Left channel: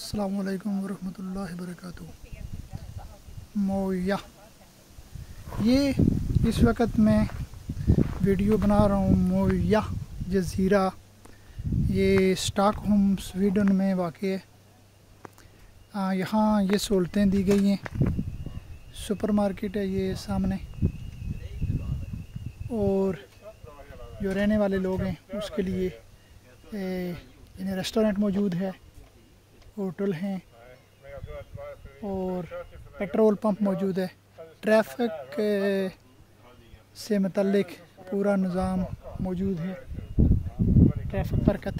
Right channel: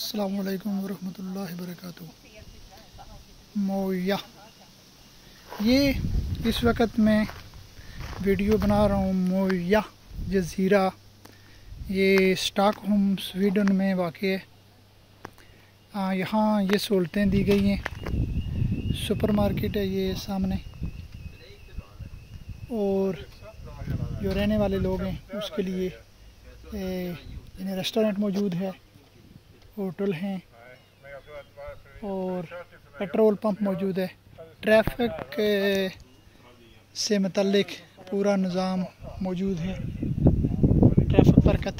अस्सलामुअलैकुम वरहमतुल्लाहि वबरकातुहू। मोया, ये इस वक्त मैं वीडियो बना रहा हूँ मोया जज़ीरा। ये स्टॉकहोम स्वीडन में वाक़ है। यहाँ ये सहूलतें दी गई हैं। सुपरमार्केट है ये सामने, और जो रहने वाले लोग हैं उसके लिए इन्हें रेस्टोरेंट मौजूद है, होटल हैं और पेट्रोल पंप मौजूद है। ट्रैफिक से मुतल्लिक पूरा निज़ाम मौजूद है, ट्रैफिक बरकत।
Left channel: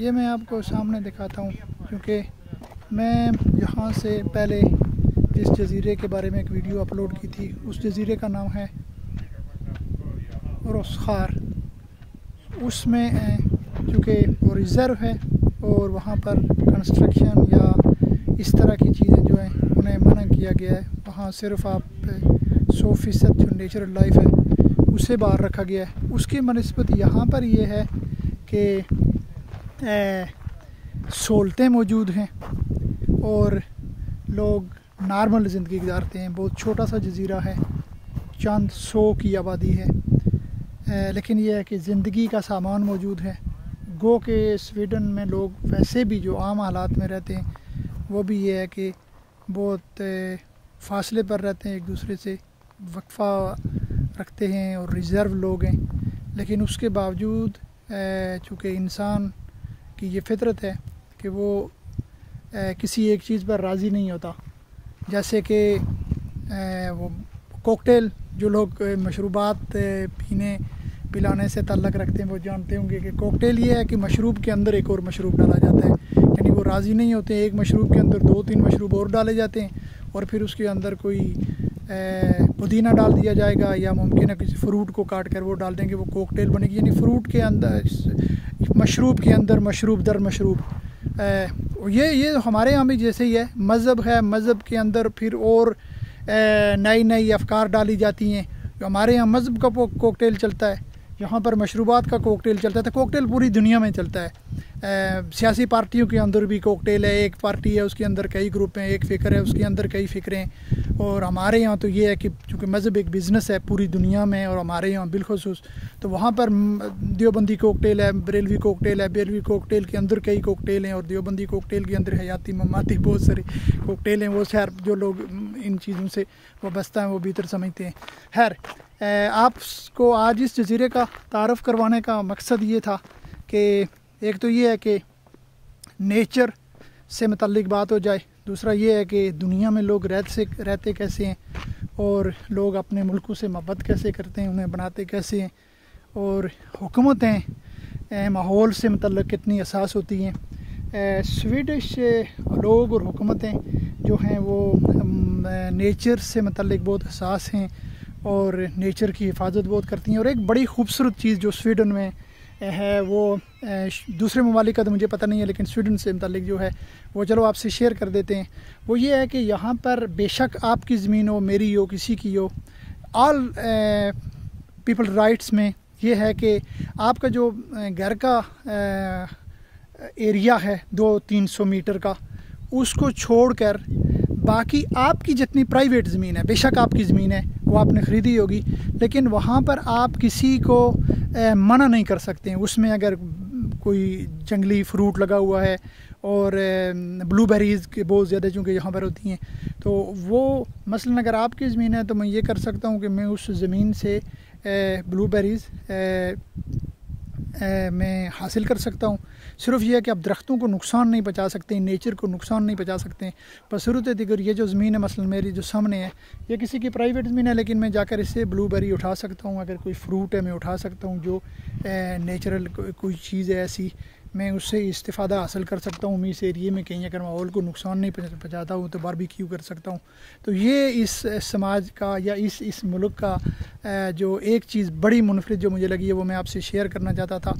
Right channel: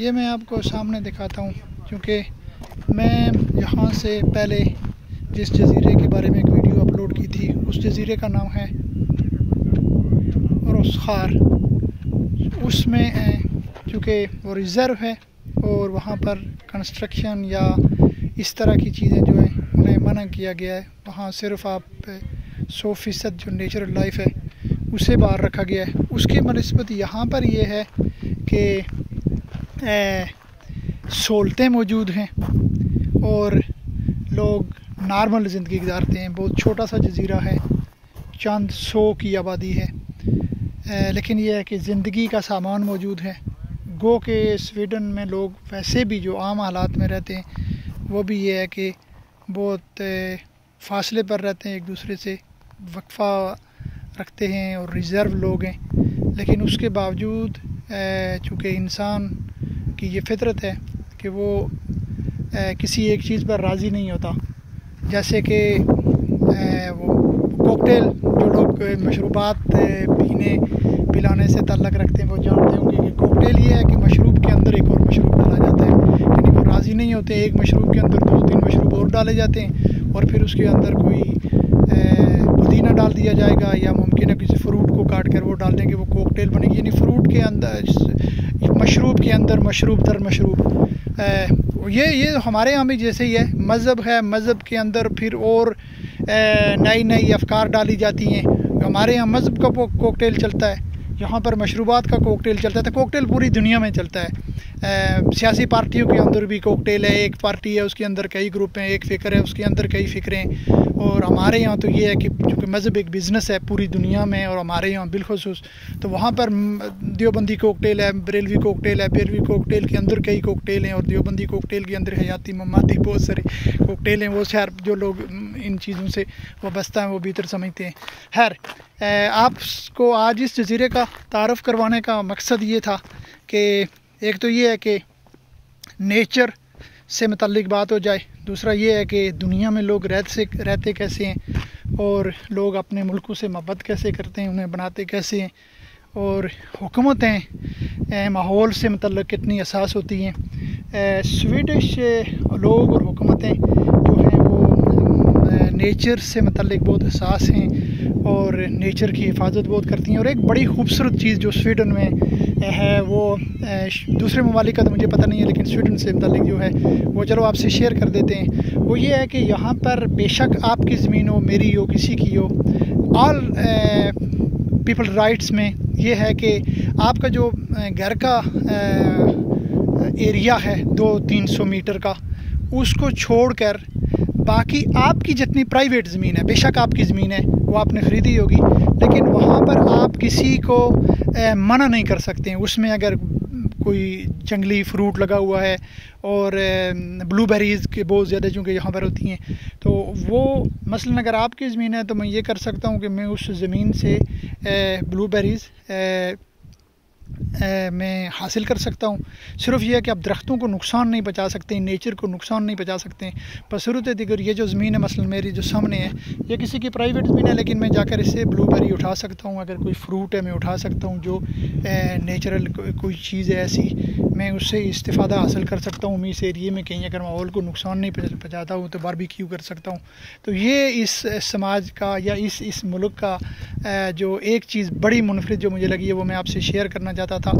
ये मैं आपको सामने दिखाता हूँ, क्योंकि मैं यहाँ से पहले जिस जज़ीरे के बारे में एक वीडियो अपलोड की थी, उस जज़ीरे का नाम है रोसखार। उसमें चूँकि वो रिज़र्व है और वहाँ पर कंस्ट्रक्शन या इस तरह की चीज़ें जो हैं उन्हें मना किया गया है। वहाँ सिर्फ आप 100% जो नेचुरल लाइफ है उसे बाहर रखा गया है। उसके बनिस्बत यहाँ पर ये है कि सहूलतें मौजूद हैं और लोग नॉर्मल ज़िंदगी गुजारते हैं। बहुत छोटा सा जज़ीरा है, चंद 100 की आबादी है, लेकिन यह है कि ज़िंदगी का सामान मौजूद है। गो के स्वीडन में लोग वैसे भी जो आम हालात में रहते हैं वो भी ये है कि बहुत फासले पर रहते हैं, एक दूसरे से वक्फा रखते हैं और रिज़र्व लोग हैं। लेकिन उसके बावजूद चूँकि इंसान की ये फितरत है कि वो किसी एक चीज़ पर राज़ी नहीं होता। जैसे कि वो कॉकटेल, जो लोग मशरूबात पीने पिलाने से ताल्लुक़ रखते हैं वो जानते होंगे कि कॉकटेल ये है कि मशरूब के अंदर एक और मशरूब डाला जाता है। यानी वो राज़ी नहीं होते, एक मशरूब के अंदर 2-3 मशरूब और डाले जाते हैं और फिर उसके अंदर कोई पुदीना डाल दिया जाएगा या मुमकिन है किसी फ्रूट को काट कर वो डाल देंगे, वो कॉकटेल बनेगी। यानी फ्रूट के अंदर, मशरूब के अंदर मशरूब दर मशरूब। ये हमारे यहाँ भी जैसे ही है। मज़हब है, मज़हब के अंदर फिर और नई नई अफकार डाली जाती हैं। हमारे यहाँ मज़हब का कॉकटेल चलता है, यहाँ पर मशरूबात का कॉकटेल चलता है। तो कॉकटेल पूरी दुनिया में चलता है। सियासी पार्टियों के अंदर भी कॉकटेल है। एक पार्टी है उसके अंदर कई ग्रुप हैं, एक फ़िक्र है उसके अंदर कई फ़िक्रें हैं। और हमारे यहाँ तो ये है कि चूँकि मज़हब एक बिज़नेस है पूरी दुनिया में और हमारे यहाँ बिलखुसूस, तो वहाँ पर देवबंदी कॉकटेल है, बरेलवी कॉकटेल है। बरेलवी कॉकटेल के अंदर कई कॉकटेल हैं और देवबंदी कॉकटेल के अंदर हयाती ममाती बहुत सारे कॉकटेल हैं। वो शहर जो लोग इन चीज़ों से वाबस्ता हैं वो भीतर समझते हैं। खैर, आपको आज इस जज़ीरे का तारफ़ करवाने का मकसद ये था कि एक तो ये है कि नेचर से मुतल्लिक बात हो जाए, दूसरा ये है कि दुनिया में लोग रहते कैसे हैं और लोग अपने मुल्कों से मोहब्बत कैसे करते हैं, उन्हें बनाते कैसे हैं, और हुकूमतें माहौल से मुतल्लिक कितनी हसास होती हैं। स्वीडिश लोग और हुकूमतें जो हैं वो नेचर से मुतल्लिक बहुत हसास हैं और नेचर की हिफाजत बहुत करती हैं। और एक बड़ी खूबसूरत चीज़ जो स्वीडन में है वो दूसरे ममालिक का तो मुझे पता नहीं है, लेकिन स्वीडन से मुतालिक जो है वो चलो आपसे शेयर कर देते हैं। वो ये है कि यहाँ पर बेशक आपकी ज़मीन हो, मेरी हो, किसी की हो, ऑल पीपल राइट्स में ये है कि आपका जो घर का एरिया है 200-300 मीटर का, उसको छोड़कर बाकी आपकी जितनी प्राइवेट ज़मीन है, बेशक आपकी ज़मीन है वो आपने ख़रीदी होगी, लेकिन वहाँ पर आप किसी को मना नहीं कर सकते हैं। उसमें अगर कोई जंगली फ्रूट लगा हुआ है और ब्लूबेरीज़ के बहुत ज़्यादा चूँकि यहाँ पर होती हैं, तो वो मसलन अगर आपकी ज़मीन है तो मैं ये कर सकता हूँ कि मैं उस ज़मीन से ब्लूबेरीज़ मैं हासिल कर सकता हूँ। सिर्फ यह है कि आप दरख्तों को नुकसान नहीं पहुँचा सकते, नेचर को नुकसान नहीं पहुँचा सकते। बसूरत दिगर ये जो ज़मीन है मसलन मेरी जो सामने है, ये किसी की प्राइवेट ज़मीन है, लेकिन मैं जाकर इससे ब्लूबेरी उठा सकता हूँ। अगर कोई फ्रूट है मैं उठा सकता हूँ, जो नेचुरल कोई चीज़ है ऐसी, मैं उससे इस्तिफ़ादा हासिल कर सकता हूँ। मैं इस एरिए में कहीं अगर माहौल को नुकसान नहीं पहुँचाता हूँ तो बारबेक्यू कर सकता हूँ। तो ये इस समाज का या इस मुल्क का जो एक चीज़ बड़ी मुनफरिद जो मुझे लगी है वो मैं आपसे शेयर करना चाहता था।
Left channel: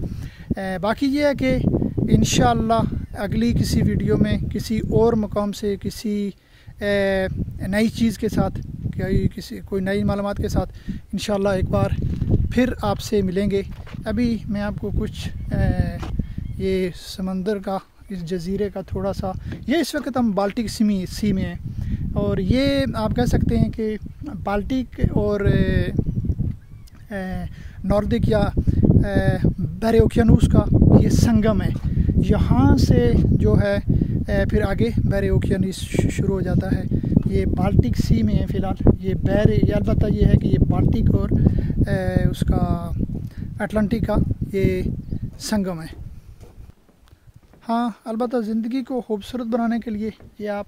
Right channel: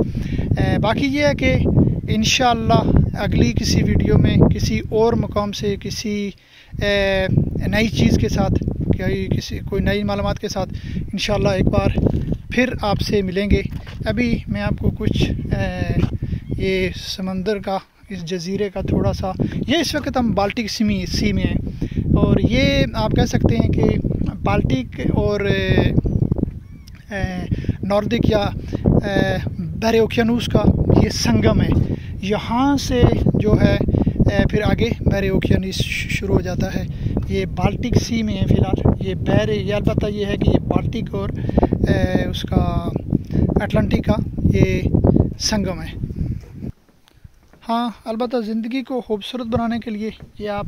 बाकी ये है कि इंशाअल्लाह अगली किसी वीडियो में किसी और मकाम से किसी नई चीज़ के साथ, कोई नई मालूमात के साथ इंशाअल्लाह एक बार फिर आपसे मिलेंगे। अभी मैं आपको कुछ ये समंदर का इस जजीरे का थोड़ा सा, ये इस वक्त हम बाल्टिक सी में हैं और ये आप कह सकते हैं कि बाल्टिक और नॉर्दिक या बहरे ओकियानूस का ये संगम है। यहाँ से जो है फिर आगे बहरे ओकियानूस शुरू हो जाता है। ये बाल्टिक सी में है फ़िलहाल। ये बहरे, ये अलबत्ता ये है कि ये बाल्टिक और उसका अटलांटिक का ये संगम है। हाँ, अलबत्ता ज़िंदगी को खूबसूरत बनाने के लिए ये आप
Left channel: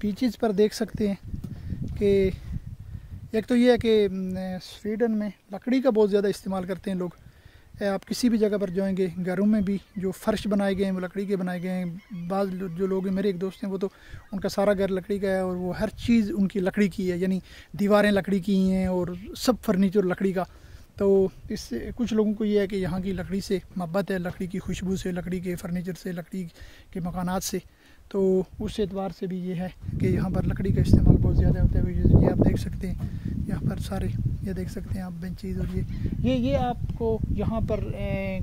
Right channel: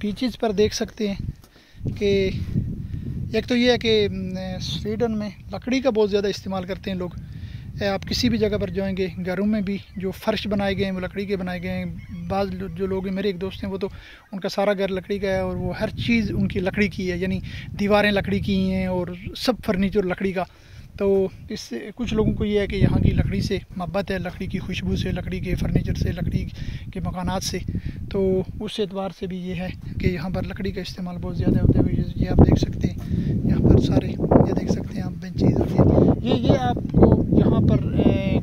बीचेस पर देख सकते हैं कि एक तो ये है कि स्वीडन में लकड़ी का बहुत ज़्यादा इस्तेमाल करते हैं लोग। आप किसी भी जगह पर जाएंगे, घरों में भी जो फ़र्श बनाए गए हैं वो लकड़ी के बनाए गए हैं। बाज़ जो लोग हैं, मेरे एक दोस्त हैं, वो तो उनका सारा घर लकड़ी का है और वो हर चीज़ उनकी लकड़ी की है, यानी दीवारें लकड़ी की हैं और सब फर्नीचर लकड़ी का। तो इससे कुछ लोगों को ये है कि यहाँ की लकड़ी से मोहब्बत है, लकड़ी की खुशबू से, लकड़ी के फर्नीचर से, लकड़ी के मकानात से। तो उस एतबार से भी ये है कि यहाँ पर लकड़ी का इस्तेमाल बहुत ज़्यादा होता है। ये आप देख सकते हैं यहाँ पर सारे, ये देख सकते हैं आप बेंचेज और ये आपको यहाँ पर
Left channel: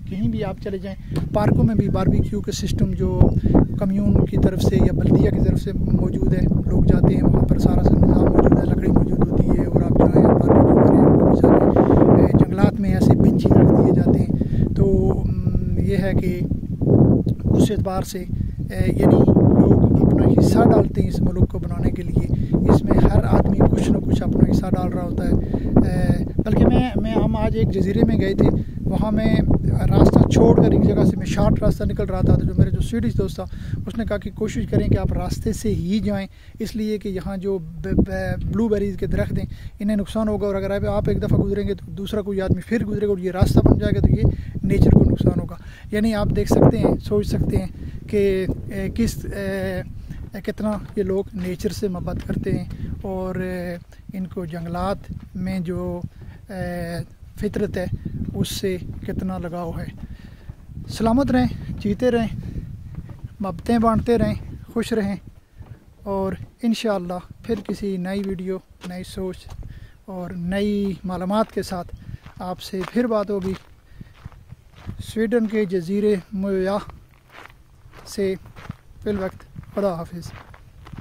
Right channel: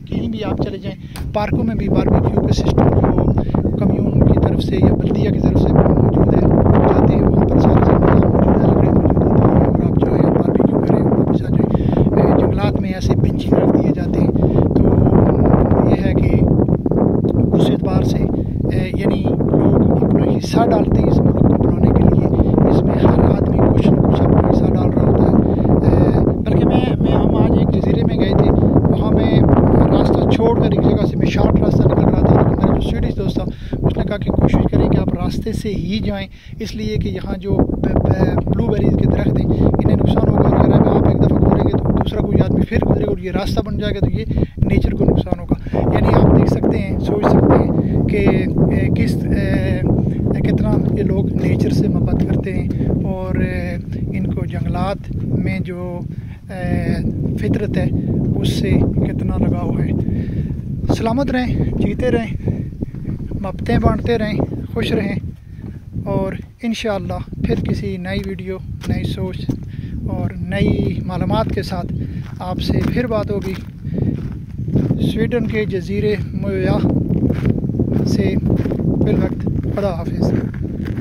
कहीं भी आप चले जाएँ, पार्कों में भी बारबेक्यू का सिस्टम जो कम्यून की तरफ से या बल्दिया की तरफ से मौजूद है, जाते हैं वहाँ पर सारा मौजूद है, लकड़ी मौजूद होती है और आप जो है बारबेक्यू करें। जंगलात में ऐसे बेंचेज रख दिए जाते हैं। तो ये है कि उस एतबार से यानी लोग अपना हिस्सा डालते हैं इस मुल्क को बनाने के लिए। इसमें हर आदमी कुछ न कुछ अपना हिस्सा डाल रहा होता है। बल्कि हम आज एक जजीरे में गए थे, वहाँ मैं रास्ता छोड़कर एक जगह से मैं शॉर्ट रास्ता निकल रहा था, तो मेरा जो स्वीडिश दोस्त था उसने कहा कि कोशिश करें कि आप रास्ते से ही जाएं, इसलिए कि यहाँ जो ब्लूबेरीज़ के दरख्त हैं इन्हें नुकसान होगा और अगर आप एक दफ़ा गुजरेंगे तो दूसरा कोई आदमी फिर गुजरेगा और ये रास्ता बन जाएगा, तो ये नेचर को नुकसान होगा। यानी आप देख सकते हैं, सोच सकते हैं कि कितना ये लोग नेचर से मोहब्बत करते हैं और इनको जंगलात में जो फितरत है उससे कितना लगाव है। सलामत रहें, जीते रहें, मोहब्बतें बांटते रहें, खुश रहें और इंशाअल्लाह फिर किसी नई वीडियो, नई सोच और नई मालूमात के साथ आपसे फिर बात होगी। स्वीडन के जजीरे मोया से फिल वक्त खुदा हाफिज़।